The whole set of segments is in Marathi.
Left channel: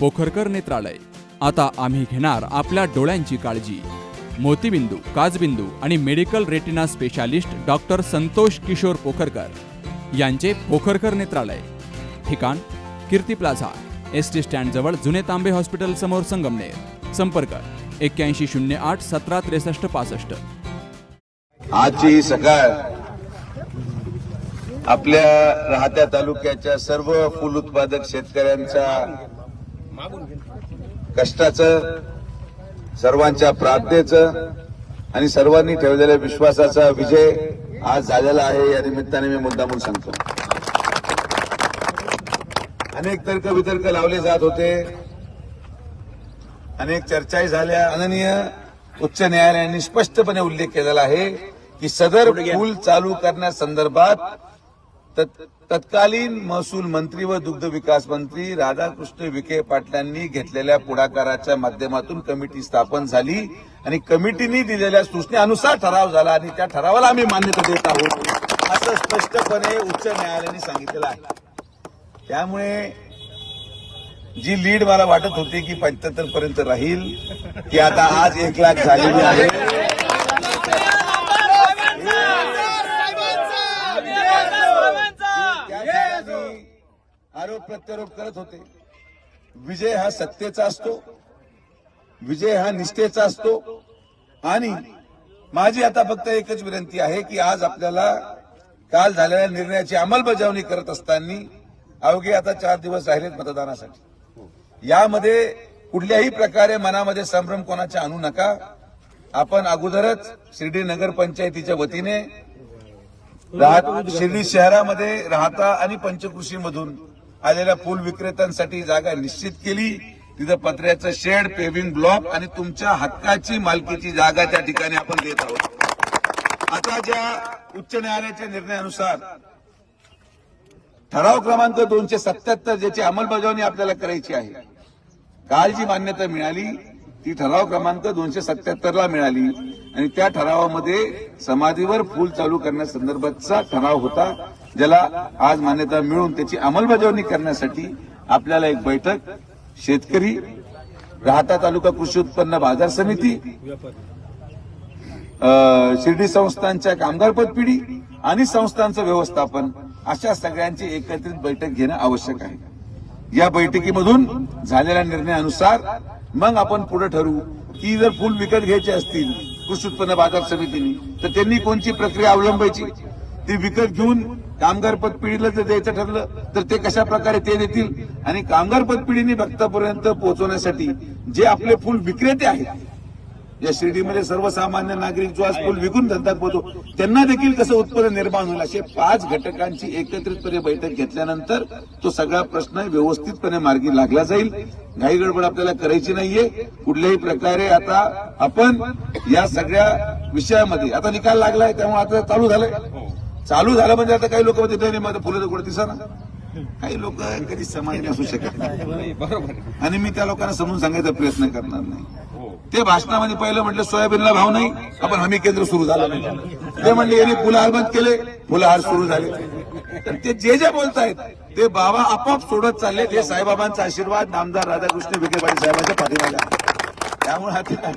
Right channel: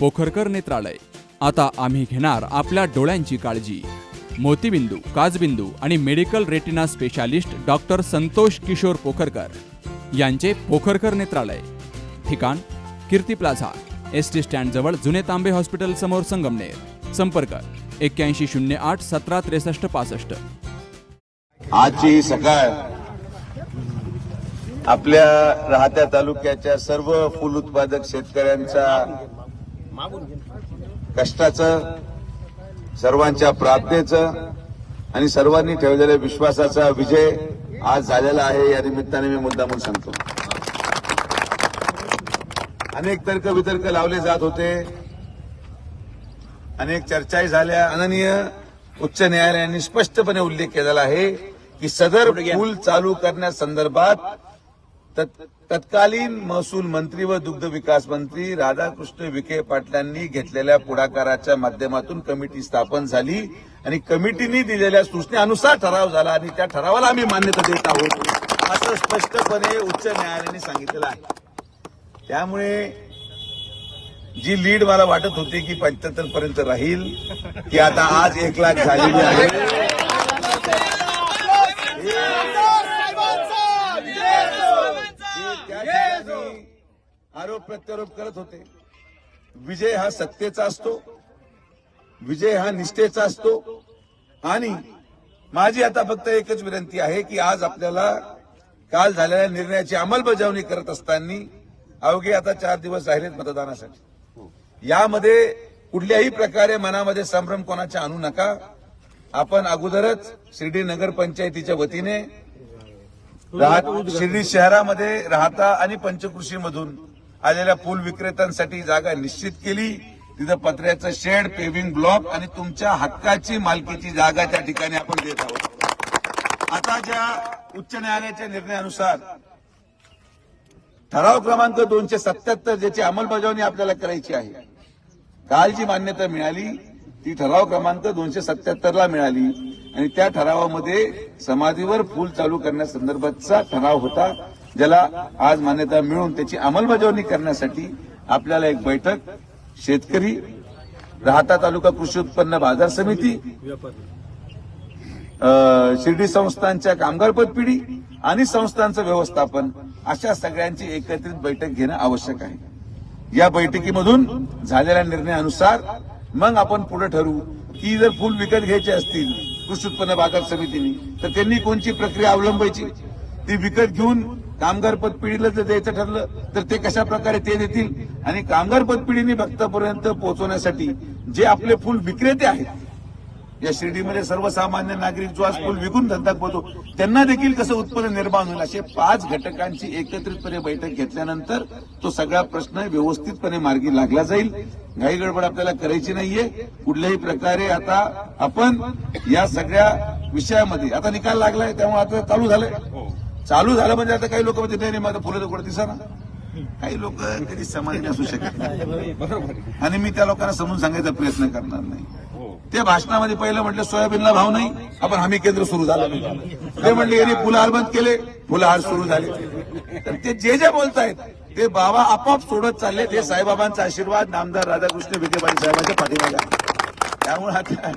पोखरकर नेत्रालय. आता आम्ही घेणार आपल्या डोळ्यांची काळजी. मोतीबिंदू काजबिंदू आणि medical retina specialist doctor Santosh Kishor Pokharkar यांचे पोखरकर नेत्रालय. ठिकाण Kirti plaza S T stand जवळ जुने तांबे हॉस्पिटल समोर संगमनेर. संपर्क एक्क्याऐंशी शून्य आठ सतरा त्रेसष्ट पासष्ट. आजची सकाळ आपल्या राहत्या तालुक्याच्या सर्व फुल उत्पादक शेतकऱ्यांचा कष्टाचं सर्वांच्या प्रार्थनेचं आणि सर्वांनी ठेवलेल्या विश्वासाचा विजय आज झालेला आहे. या निमित्ताने मी मुद्दामून सांगतो. अनेक तर्क वितर्क लावले जात होते. अनेक चर्चाही झाल्या. माननीय उच्च न्यायालयाने स्पष्टपणे उल्लेख केलेला आहे की सदर पूल चालू करण्यासंदर्भात तत्कालीन महसूल मंत्री व दुग्ध विकास मंत्री राधाकृष्ण विखे पाटलांनी घेतलेल्या पुढाकाराच्या माध्यमातून कमिटी स्थापन झाली आणि कमिटीने दिलेल्या सूचनेअनुसार ठराव झाला आणि त्या ठरावाला आम्ही मान्यता देत आहोत असं स्पष्टपणे उच्च न्यायालयाने सांगितलेलं आहे. त्यामुळे जी लीड मला वाटत होती की पंच्याहत्तर पर्यंत राहील ती आता आज एक लाख झालेली आहे त्या ठिकाणी आरोप प्रत्यारोप करत होते. विजय हा सत्तेचा असतो. विजय हा निष्ठेचा असतो. आणि माझी आता फक्त एकच विनंती आहे की आज आपल्याला काल झालेल्या निर्णयाची अंमलबजावणी करत असताना अवघे आता चार दिवस राहिलेत मतदानासाठी. यामध्ये कुठल्याही प्रकारे मनामध्ये संभ्रम कोणाच्या आणू नका. आपण अगोदरच शिर्डी नगरपंचायतीच्या वतीने शिर्डी शहरामध्ये राहता आणि पंचकृषीमधून आलेल्या फुल विक्रेत्यांसाठी जागा निश्चित केली. तिथं पत्र्याचं शेड पेव्हिंग ब्लॉक आणि तुमच्या हक्काची मालकीची जागा त्या ठिकाणी आपण देत आहोत. आता ज्या उच्च न्यायालयाच्या निर्णयानुसार ठराव क्रमांक दोनशे सत्याहत्तर ज्याची अंमलबजावणी आपल्याला करायची आहे काल जी मान्यता मिळाली ती ठराव क्रमांक दोनशे सत्याहत्तरला मिळाली. आणि त्या ठरावामध्ये समाधीवर फूल चालू करण्यासंदर्भातचा ठराव होता. ज्याला आज मान्यता मिळून त्याची अंमलबजावणी करण्यासाठी आपल्याला एक बैठक शेतकरी राहता तालुका कृषी उत्पन्न बाजार समिती शिर्डी संस्थांच्या कामगार पदपिढी आणि संस्थांचं व्यवस्थापन अशा सगळ्यांची एकत्रित बैठक घेणं आवश्यक आहे. या बैठकीमधून झालेल्या निर्णयानुसार मग आपण पुढे ठरवू की जर फुल विकत घ्यायचे असतील कृषी उत्पन्न बाजार समितीने तर त्यांनी कोणची प्रक्रिया अवलंबायची? ती विकत घेऊन कामगार पद पिढीला जर द्यायचं ठरलं तर ते कशा प्रकारे ते देतील? आणि कामगार पद पिढीने भक्तापर्यंत पोहोचवण्यासाठी जे आपले फुल विक्रेते आहेत या शिर्डीमध्ये सर्वसामान्य नागरिक जो आज फुल विकून धंदा करतो त्यांना देखील कसं उत्पन्न निर्माण होईल असे पाच घटकांची एकत्रितपणे बैठक घेतल्यानंतर तो सगळा प्रश्न व्यवस्थितपणे मार्गी लागला जाईल. घाई गडबड आपल्याला करायची नाहीये. कुठल्याही प्रकारे आता आपण या सगळ्या विषयामध्ये आता निकाल लागलाय त्यामुळे आता चालू झालंय. चालू झालं म्हणजे आता काही लोक म्हणते नाही नाही, माझं फुलं तर कुठे दिसा काही लोक कधी समाधानी असू शकत नाही. आणि मी त्या लोकांना समजून सांगायचा प्रयत्न करणार नाही. ते भाषणामध्ये पहिलं म्हटलं सोयाबीनला भाव नाही आपण हमी केंद्र सुरू झालं. नाही ते म्हणले यांनी फुलहार बंद केले फुलहार सुरू झाले. तर ते जे जे बोलतायत ते बाबा आपोआप सोडत चालले. ते साईबाबांचा आशीर्वाद नामदार राधाकृष्ण विखे पाटील साहेबांच्या पाठीमागे आहे. त्यामुळे आता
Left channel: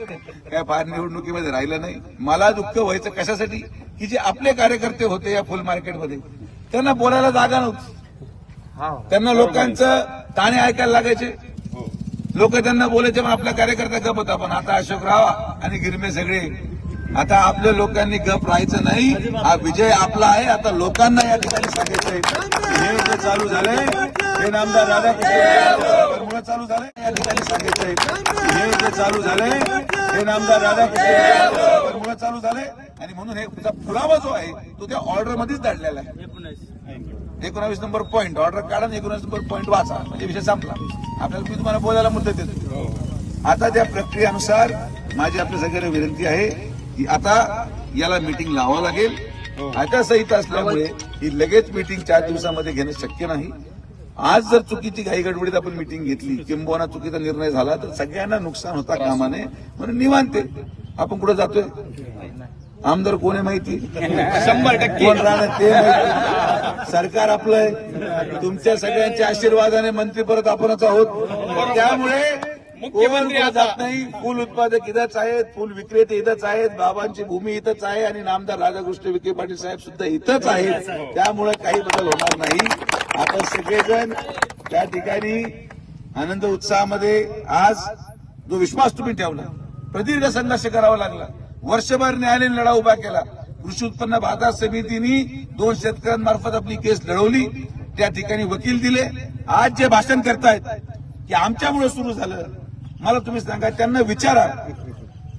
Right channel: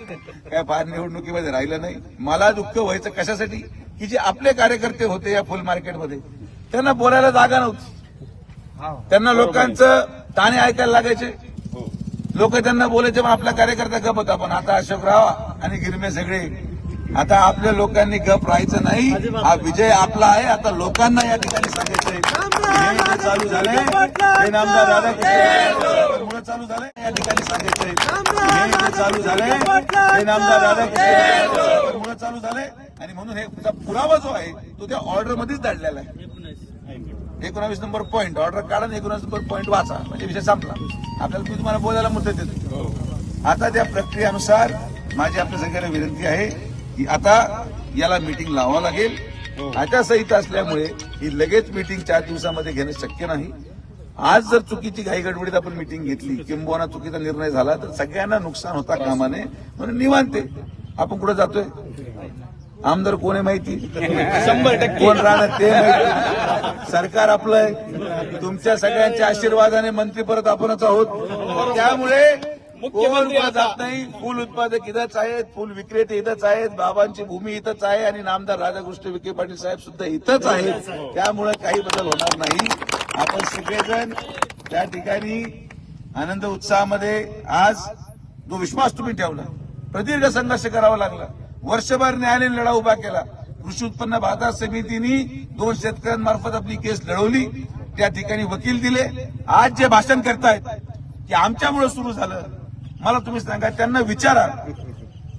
काय फार निवडणुकीमध्ये राहिलं नाही. मला दुःख व्हायचं कशासाठी? की जे आपले कार्यकर्ते होते या फुल मार्केटमध्ये त्यांना बोलायला जागा नव्हती. त्यांना लोकांचं ताणे ऐकायला लागायचे. लोक त्यांना बोलायचे मग आपला कार्यकर्ता गप होता पण आता अशोकराव आणि गिरमे सगळे आता आपल्या लोकांनी गप राहायचं नाही. हा विजय आपला आहे. आता लोकांना या ठिकाणी सांगायचंय हे चालू झालंय. हे नामदार राधाकृष्ण चालू झालंय. या ठिकाणी सांगायचंय हे चालू झालंय. हे नामदार राधाकृष्ण चालू झालंय. आणि म्हणून हे पुरावा जो आहे तो त्या ऑर्डरमध्येच दडलेला आहे. एकोणावीस नंबर पॉईंट ऑर्डर काढा आणि एकोणावीस नंबर पॉईंट वाचा. म्हणजे विषय संपला. आपल्याला मी तुम्हाला बोलायला मुद्दत देतो. आता त्या प्रक्रियेनुसार माझी आपल्या सगळ्यांना विनंती आहे आता याला मीटिंग लावावं लागेल. आचारसंहिता असल्यामुळे ही लगेच मीटिंग चार दिवसामध्ये घेणं शक्य नाही. आज जर चुकीची घाई गडबडीत आपण मीटिंग घेतली किंबहुना चुकीचा निर्णय झाला तर सगळ्यांना नुकसान होता कामाने. म्हणून निवांते आपण कुठे जातोय? आमदार कोण आहे माहिती? शंभर टक्के. कोण राहणार ते माहिती. सरकार आपलं आहे. तुमच्या सगळ्यांच्या आशीर्वादाने मंत्री परत आपणच आहोत. त्यामुळे मुख्यमंत्री जात नाही फुल उत्पादक इथंच आहेत फुल विक्रेते इथंच आहेत बाबांची भूमी इथंच आहे आणि नामदार राधाकृष्ण विखे पाटील साहेब सुद्धा इथंच आहेत. त्यामुळे काही बदल होणार नाही. आपण सगळेजण त्या ठिकाणी आनंद उत्साहामध्ये आज जो विश्वास तुम्ही ठेवला प्रदीर्घ संघर्ष करावा लागला वर्षभर न्यायालयीन लढा उभा केला कृषी उत्पन्न बाजार समितीने दोन शेतकऱ्यांमार्फत आपली केस लढवली त्या ठिकाणी वकील दिले. आज जे भाषण करतायत की आमच्यामुळे सुरू झालं मला तुम्ही सांगा त्यांना विचारा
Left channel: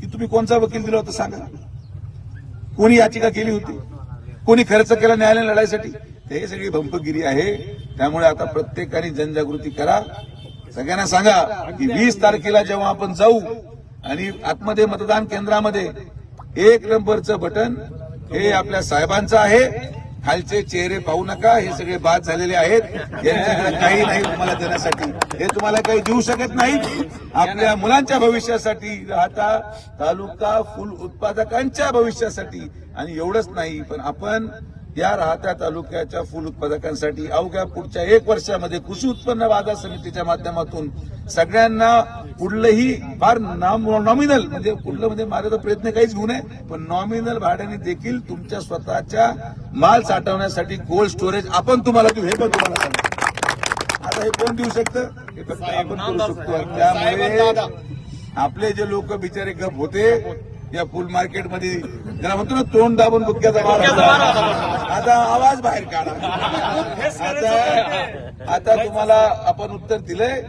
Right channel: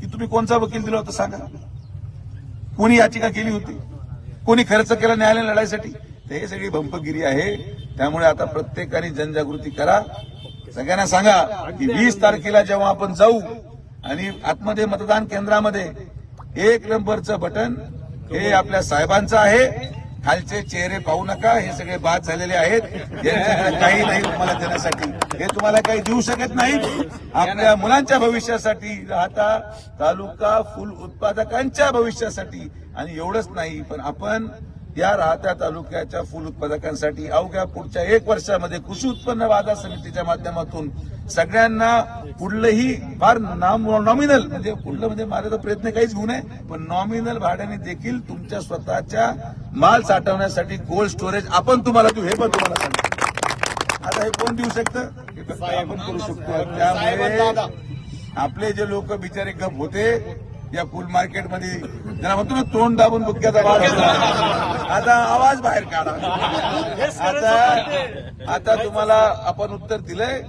की तुम्ही कोणचा वकील दिला होता सांगा. कोणी याचिका केली होती? कोणी खर्च केला न्यायालय लढाईसाठी? हे सगळी भंपगिरी आहे. त्यामुळे आता प्रत्येकाने जनजागृती करा. सगळ्यांना सांगा की वीस तारखेला जेव्हा आपण जाऊ आणि आतमध्ये मतदान केंद्रामध्ये एक नंबरचं बटन हे आपल्या साहेबांचं आहे. खालचे चेहरे पाहू नका हे सगळे बाद झालेले आहेत. यांच्याकडे काही नाही तुम्हाला देण्यासाठी. हे तुम्हाला काही देऊ शकत नाही. आपल्या मुलांच्या भविष्यासाठी राहता तालुका फुल उत्पादकांच्या भविष्यासाठी. आणि एवढंच नाही पण आपण या राहत्या तालुक्याच्या फुल उत्पादकांसाठी अवघ्या पुढच्या एक वर्षामध्ये कृषी उत्पन्न बाजार समितीच्या माध्यमातून सगळ्यांना कुठलंही फार नॉमिनल म्हणजे कुठलं म्हणजे माझा प्रयत्न काहीच घेऊ नये पण नॉमिनल भाड्याने देखील तुमच्या स्वतःच्या माल साठवण्यासाठी कोल्ड स्टोरेज आपण तुम्हाला देऊ हे पण तुम्हाला सांगतो. आता हे कोण देऊ शकतं? हे फक्त आपण करू शकतो त्यामुळे आपले जे लोक बिचारे गप होते या फुल मार्केटमध्ये जरा म्हणतो ना तोंड दाबून गुटक्याचा. आता आवाज बाहेर काढा. आता आता तुम्हाला आपण उत्तर दिलंय.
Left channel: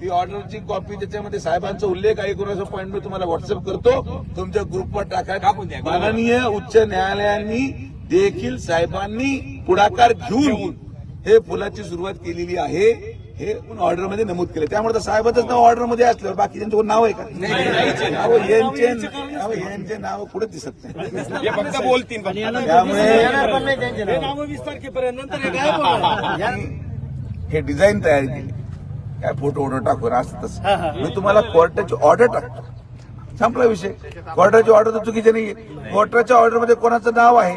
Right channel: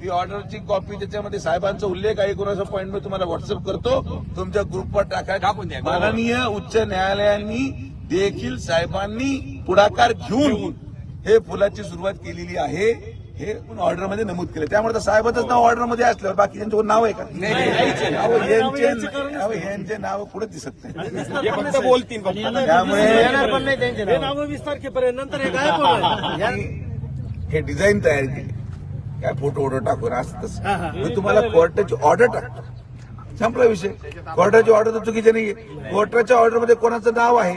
ती ऑर्डरची कॉपी त्याच्यामध्ये साहेबांचा उल्लेख आहे. कोणाचा पॉईंट मी तुम्हाला व्हॉट्सअप करतो. तुमच्या ग्रुपवर टाका. माननीय उच्च न्यायालयांनी देखील साहेबांनी पुढाकार घेऊन. हे फुलाची सुरुवात केलेली आहे. हे ऑर्डरमध्ये नमूद केलं? त्यामुळे तर साहेबाचंच नाव ऑर्डरमध्ये असल्यावर बाकीच्यांचं कोण नाव आहे का? यांचे नाव पुढे दिसत नाही. हे फक्त बोलतील त्यामुळे हे हे डिझाईन तयार केली. काय फोटो ऑर्डर टाकून असं तसं. मी तुम्हाला कोर्टाची ऑर्डर टाकतो. संपला विषय. कोर्टाची ऑर्डर तर चुकीची नाहीये. कोर्टाच्या ऑर्डरमध्ये कोणाचं नाव आहे?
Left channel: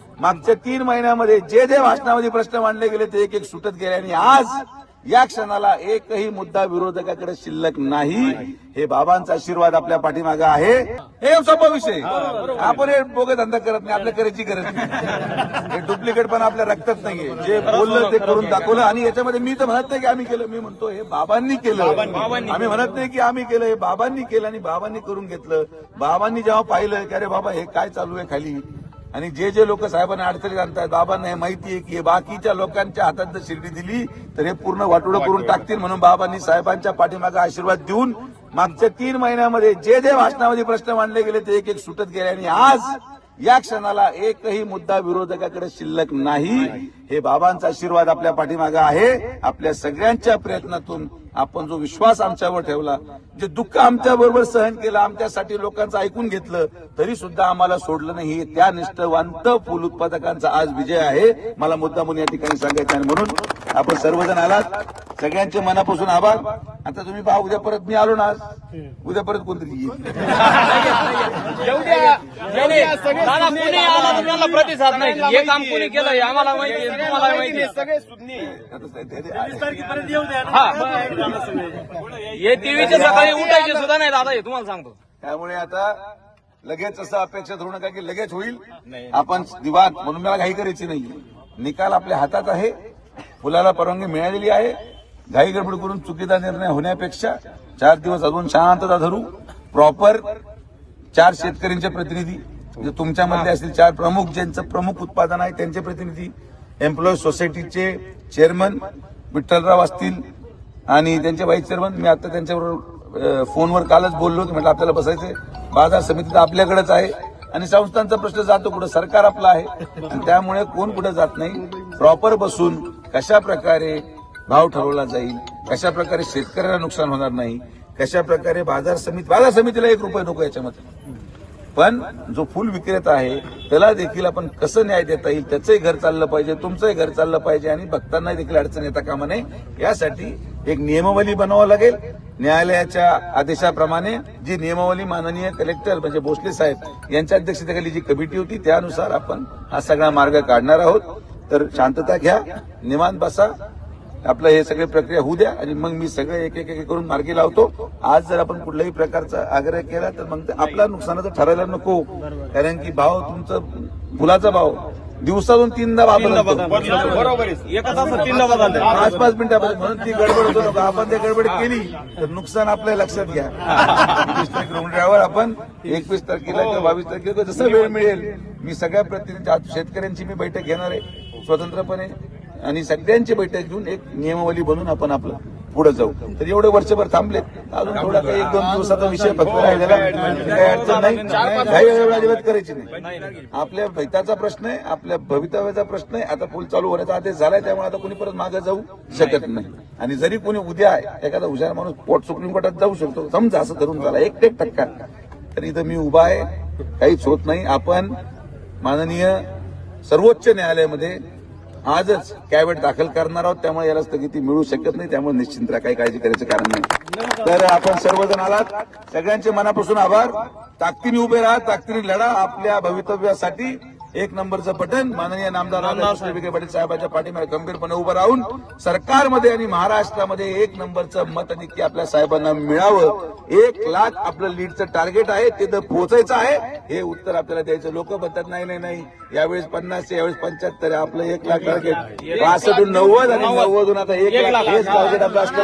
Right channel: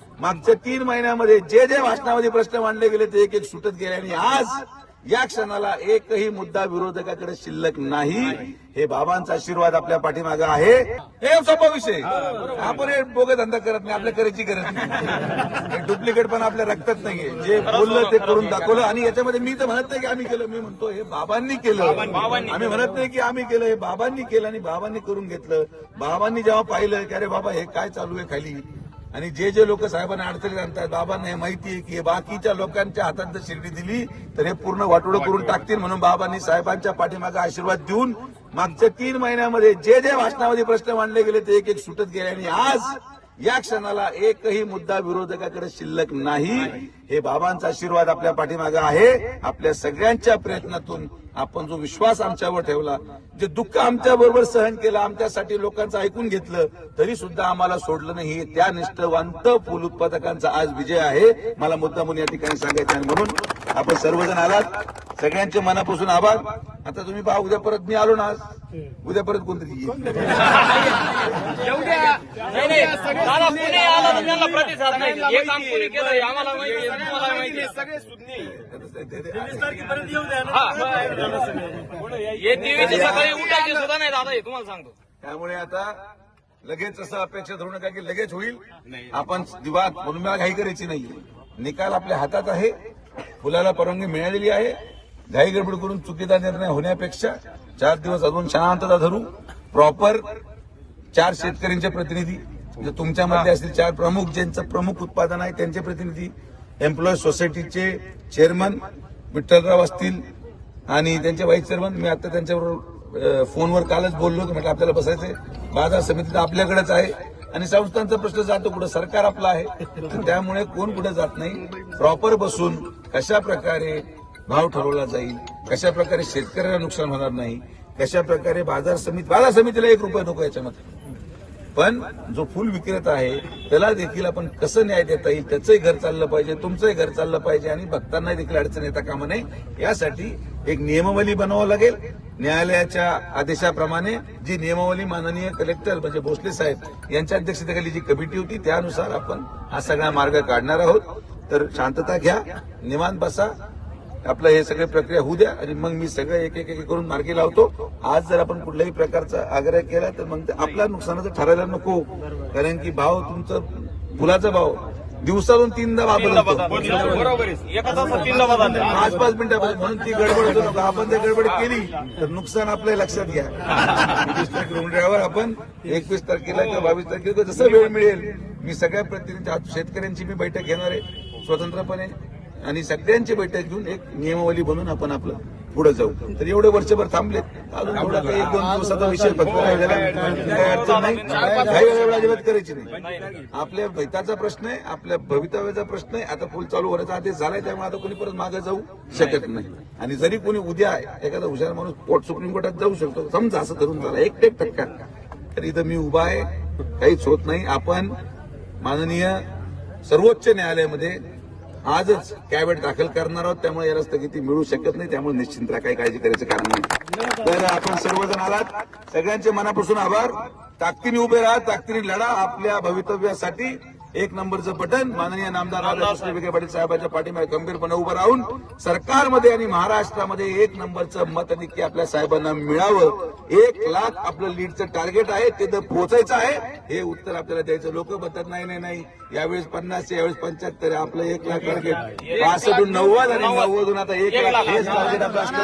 मागच्या तीन महिन्यामध्ये जे जे भाषणामध्ये प्रश्न मांडले गेले ते एक एक सुटत गेले आणि आज या क्षणाला एकही मुद्दा विरोधकाकडे शिल्लक नाही. हे बाबांचा आशीर्वाद आपल्या पाठीमागे आहे. हे सोपा विषय. आपण हे बोगे धंदा करत नाही आपल्या करायची गरज नाही. हे डुप्लिकेट पण आपल्या रक्तात नाहीये. जे बोललं ते करून दाखवलं आणि याच्यामध्ये मी तर म्हणत नाही की आम्ही केलं. मी म्हणतो हे बाबांनी केलं. आम्ही म्हणत नाही की आम्ही केलं हे बाबांनी केलं आणि बाबांनी करून घेतलं. बाबांनी जेव्हा पाहिलं की अरे बाबा हे काय चालू आहे खाली? आणि जे जे लोक साहेबांना अडचणीत आणतात बाबांना हे माहिती आहे की हे बाकीच्या लोकांच्या हातात जर शिर्डी दिली तर हे पूर्ण वाटोळं. करून टाकतील म्हणून बाबांनी साहेबांच्या पाठीमागे आशीर्वाद देऊन मागच्या तीन महिन्यामध्ये जे जे भाषणामध्ये प्रश्न मांडले गेले ते एक एक सुटत गेले आणि आज या क्षणाला एकही मुद्दा विरोधकाकडे शिल्लक नाही. हे बाबांचा आशीर्वाद आपल्या पाठीमागे आहे. आपल्या सगळ्यांच्या प्रयत्नातून आपण जो विश्वास आमच्यावर ठेवला जे दुःख आमच्याबरोबर सहन केलं आमच्यासाठी लोकांचं ऐकून घेतलं तरी सुद्धा आम्हाला सोडलं नाही. त्या निष्ठवंत फुल उत्पादकांचा आज विजय आहे. मला मुद्दा म्हणून या ठिकाणी सांगायचं आहे म्हणून आपण सर्वजण आलात. सगळ्यांचे मनापासून आभार. आता तुम्ही पहा उद्या परत मी आलो ना उद्या परत कोणतरी येईल. प्रतिसाद नाही. हे काम कोणी केलं हे आम्हाला माहिती आहे, तुम्हाला माहिती आहे. सगळे सुज्ञ. आता ते- ते- वीस तारखेपर्यंत येऊ द्या. ना. हे देवीच्या सकाळी उठायचे सुद्धा नाही दादा हे तुम्हाला सांगतो. त्यामुळे आता लगेच असं अपेक्षा धरू नका की लगेच होईल. आपण दिवाद म्हणून मला घाई करायची नाही निकाल आपल्या हातात आहे. फुलाला परवानगी मिळालेली आहे. घाई गडबड करून चुकीचा निर्णय होण्यापेक्षा चार दिवस अजून शांतता धरू. प्रॉपर चार शेतकऱ्यांचे प्रतिनिधी म्हणजे तुमच्यामधले असतील चार प्रमुख ज्यांचं प्रमुख उत्पादन आहे त्यांचे प्रतिनिधी एम्प्लॉई सोसायटीचे चेअरमन विठ्ठलराव असतील आणि त्यांचे व्हाईस चेअरमन मी आता त्यांच्याबरोबर फोनवर कालच बोललो की म्हटलं आपल्याला बसायचंय. बाजार समिती तर आपल्याकडेच आहे आणि संस्थांचा प्रश्न जातो कुठं? सरकार आपलं आहे. आणि त्यामुळे कोण कुठं जात नाही. प्रॉपर बसून कशा प्रकारे भाव ठरवला जाईल. कशा प्रकारे शेतकऱ्याला नुकसान होणार नाही कशा प्रकारे बाजार समिती बाजार समितीला एक रुपये नको याच्यामध्ये. पण जो फुल विक्रेता आहे त्याला देखील आपण कसं न्याय देता येईल त्याचंही घर चाललं पाहिजे तुमचंही घर चाललं पाहिजे आणि भक्तांना देखील अडचण येता कामा नये यासाठी एक नियमावली बनवावं लागेल. न्यायालयाच्या आदेशाप्रमाणे जी नियमावली माननीय कलेक्टर म्हणजे भोसले साहेब यांच्या अध्यक्षतेखाली जी कमिटी होती त्यानुसार आपण हा सगळा मार्ग काढणार आहोत. तर शांतता घ्या निवांत बसा आपलं हे सगळे प्रक्रिया होऊ द्या आणि मग मी सगळं एक एक एक करून मार्गी लावतो. आज जर आपण कुठल्याही प्रकारचा आग्रह केला तर मग ते आपला नुकसानाचं ठरायला नको. कारण की भाव तुमचं फुलाचा भाव दिवसातून तीनदा बदलतो. पाच पाच मिनिटापासून म्हणून ती गडबड होतो. नका आपण ते गडबड केली तर नुकसान आपल्या लक्षात घ्या. रोवण्यावर आपण एकवीस तारखेला किंवा बावीस तारखेला जसं वेळ मिळेल मी सगळ्या प्रतिनिधी शेतकऱ्यांची मी बैठक घेणार आहे. स्वतंत्रपणे आणि सगळ्यांची बैठक घेऊन एक नियमावली बनवून आपण आपलं पुढे जाऊ. तर एवढे वर्षभर थांबले अजून थोडा काही एक दोन दिवसाचा विषय फक्त राहिलेला काही अडचण नाही. काही वेळ अजिबात करायची नाही. आपल्या हिताचा प्रश्न आहे आपल्या भवितव्याचा प्रश्न आहे. आता पूल चालू होण्याचा आदेश झालाय त्यामुळे आता कोणी परत मागे जाऊ शकत नाही. आणि जरी कोणी उद्या एखादा हुशार माणूस पोट सुप्रीम कोर्टात जाऊ शकतो समजा असं धरून झाला एक एक टक्का. तर इथं मी उभा आहे काहीच होत नाही. आपण माननीय सर्वोच्च न्यायालयामध्ये आजच कॅबिनेट दाखल करणार आहोत त्यामुळे याला स्थगिती मिळू शकत नाही त्यामुळे निश्चिंत काही काळजी करायचं कारण नाही. तर आपण सर्वजण आलात. सगळ्यांचे मनापासून आभार. ताकदीने उभे राहा ताकदीने लढा आपल्या भवितव्यासाठी. एक नंबरचं पटन माननीय नामदार राधाकृष्ण विखे पाटील साहेबांच्या पाठीमागे गंभीरपणे उभं राहून सरकारमध्ये आणि महाराष्ट्रामध्ये एक नंबरचं मत नक्की आपल्या साहेबांना मिळावं. एक लाख आपलं लीडचं टार्गेट आहे ते तर पोहोचायचं आहे. हे उत्तर आपल्याला द्यायचं. लोक म्हणतात नाही नाही नाही. यावेळेस पन्नास यावेळेस पंच्याहत्तर आहे. आपलं एक लाख टार्गेट पासष्टून नव्वद आणि नव्वदून आता एक लाख हेच टार्गेट आपलं असतं